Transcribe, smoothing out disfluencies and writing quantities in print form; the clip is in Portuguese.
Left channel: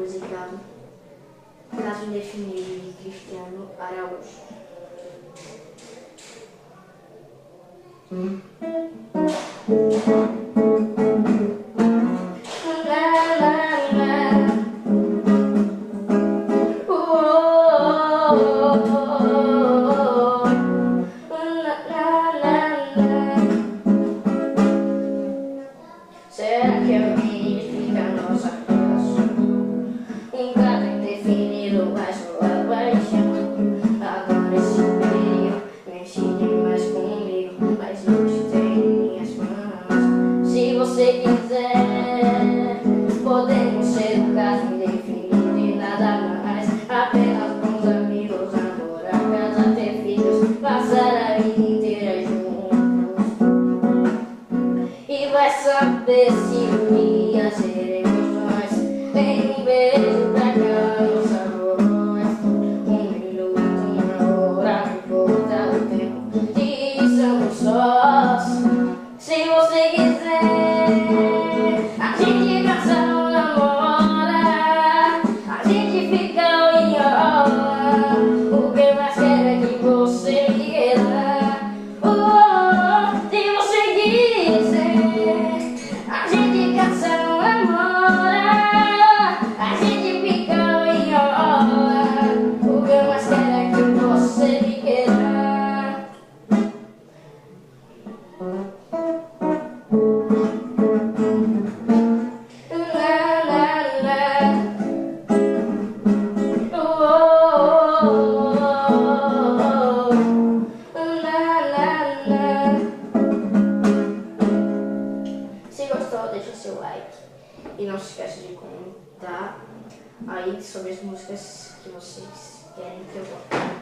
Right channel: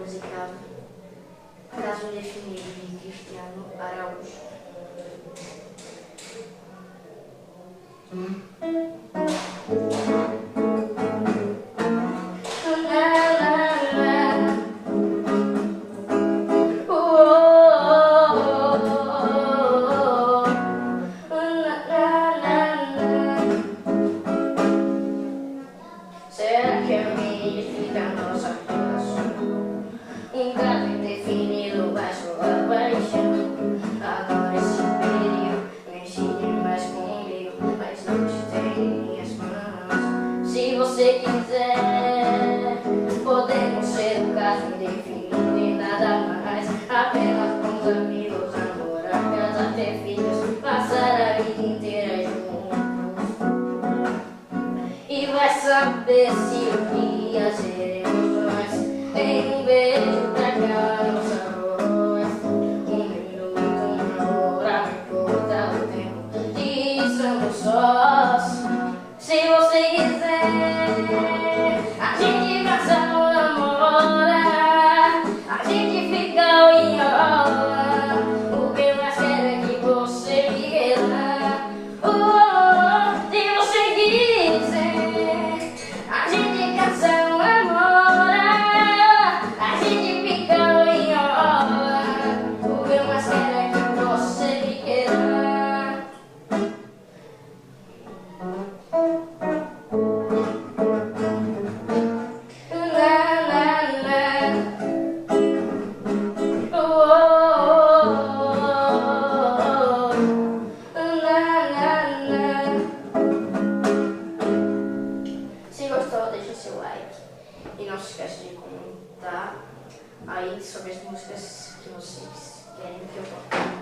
música Caso Indefinido, de Cristiano Araújo. Será que alguém fica a nossa relação? Um caso indefinido, mas sua paixão. Agora esse perigo mexe mais comigo, mas não te tem em minhas mãos. Se você quiser, podemos ser um caso indefinido e nada mais. Apenas bons amigos, namorar, casar, ter filhos, passar a vida inteira juntos. E vai saber se um dia seremos nós. Em um beijo pra cá, nossa voz. Um minuto, uma hora, não importa o tempo. E somos sós. Se você quiser, a gente casa ou namora. A gente fica ou enrola. O que mais quero é que você me queira. Se você quiser, a gente casa ou namora. A gente fica ou enrola. O que eu mais quero é que você me queira. Se gostou, deixa o seu like e não se esqueça de comentar aí sobre as músicas que vocês querem que eu toque.